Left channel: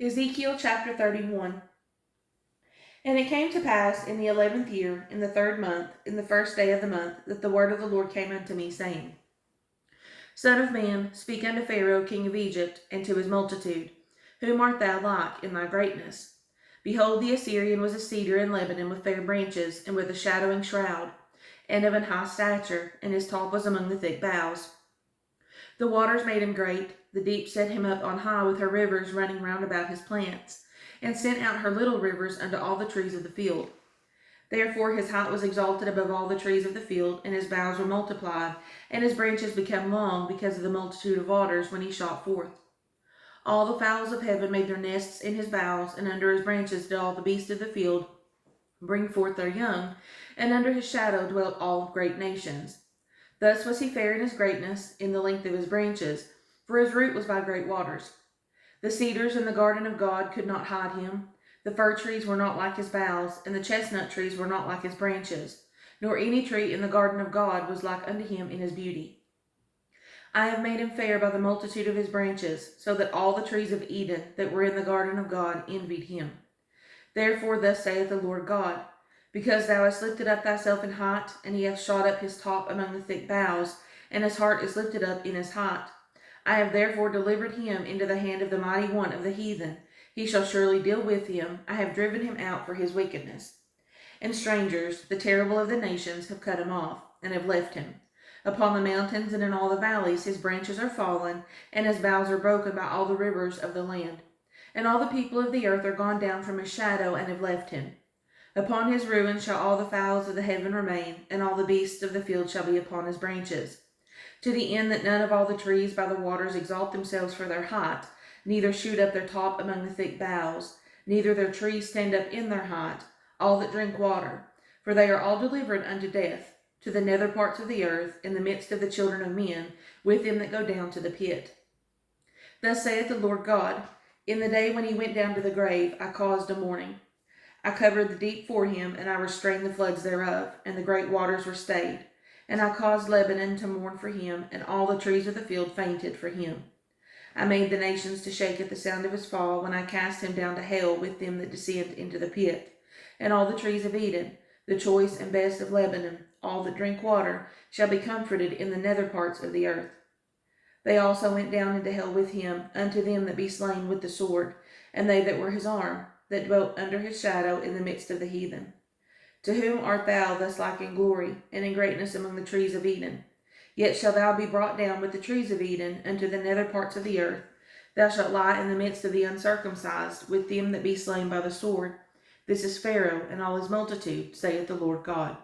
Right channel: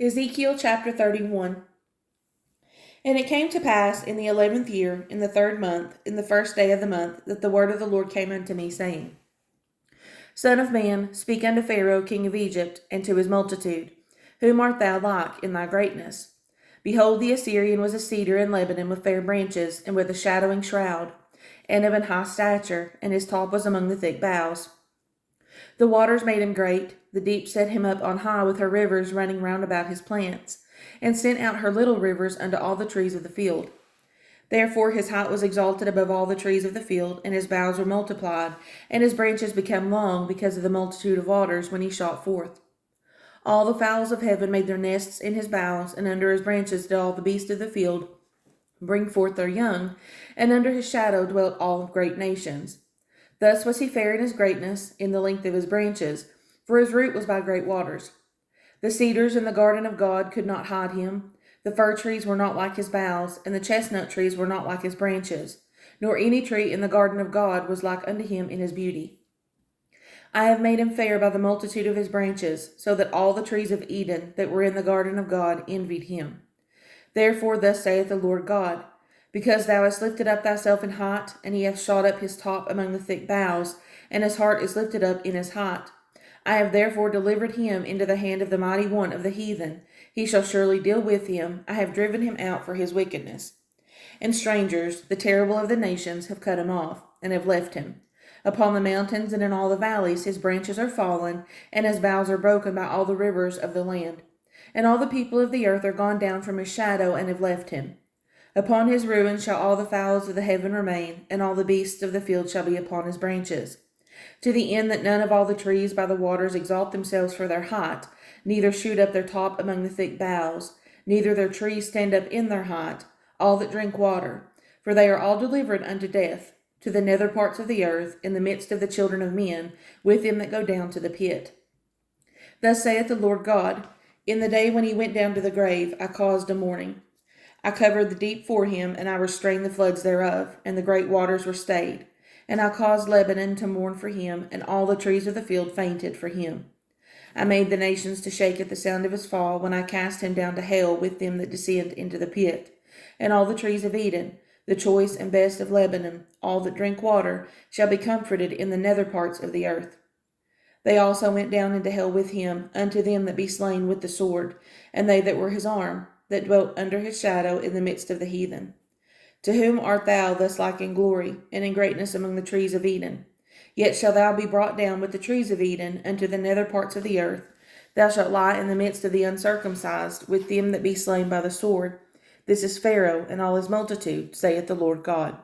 Ezekiel chapter 31. And it came to pass in the 11th year, in the 3rd month, in the 1st day of the month, that the word of the Lord came unto me, saying, Son of man, speak unto Pharaoh king of Egypt, and to his multitude, Whom art thou like in thy greatness? Behold, the Assyrian was a cedar in Lebanon with fair branches, and with a shadowing shroud, and of an high stature, and his top was among the thick boughs. The waters made him great, the deep set him up on high with her rivers running round about his plants, and sent out her little rivers unto all the trees of the field. Therefore his height was exalted above all the trees of the field, and his boughs were multiplied, and his branches became long because of the multitude of waters when he shot forth. All the fowls of heaven made their nests in his boughs, and under his branches did all the beasts of the field bring forth their young, and under his shadow dwelt all great nations. Thus was he fair in his greatness, in the length of his branches, for his root was by great waters. The cedars in the garden of God could not hide him. The fir trees were not like his boughs, and the chestnut trees were not like his branches, nor any tree in the garden of God was like unto him in his beauty. I have made him fair by the multitude of his branches, so that all the trees of Eden that were in the garden of God envied him. Therefore thus saith the Lord God, Because thou hast lifted up thyself in height, and he hath shot up his top among the thick boughs, and his heart is lifted up in his height, I have therefore delivered him into the hand of the mighty one of the heathen. He shall surely deal with him. I have driven him out for his wickedness. And strangers, the terrible of the nations, have cut him off, and have left him. Upon the mountains and in all the valleys his branches are fallen, and his boughs are broken by all the rivers of the land. And all the people of the earth are gone down from his shadow, and have left him. Upon his ruin shall all the fowls of the heaven remain, and all the beasts of the field shall be upon his branches. To the end that none of all the trees by the waters exalt themselves for their height, neither shoot up their top among the thick boughs, neither their trees stand up in their height, all that drink water, for they are all delivered unto death, to the nether parts of the earth, in the midst of the children of men, with them that go down to the pit. Thus saith the Lord God, In the day when he went down to the grave, I caused a mourning. I covered the deep for him, and I restrained the floods thereof, and the great waters were stayed. And I caused Lebanon to mourn for him, and all the trees of the field fainted for him. I made the nations to shake at the sound of his fall, when I cast him down to hell with them that descend into the pit. And all the trees of Eden, the choice and best of Lebanon, all that drink water, shall be comforted in the nether parts of the earth. They also went down into hell with him, unto them that be slain with the sword, and they that were his arm, that dwelt under his shadow in the midst of the heathen. To whom art thou thus like in glory, and in greatness among the trees of Eden? Yet shalt thou be brought down with the trees of Eden unto the nether parts of the earth. Thou shalt lie in the midst of the uncircumcised, with them that be slain by the sword. This is Pharaoh and all his multitude, saith the Lord God.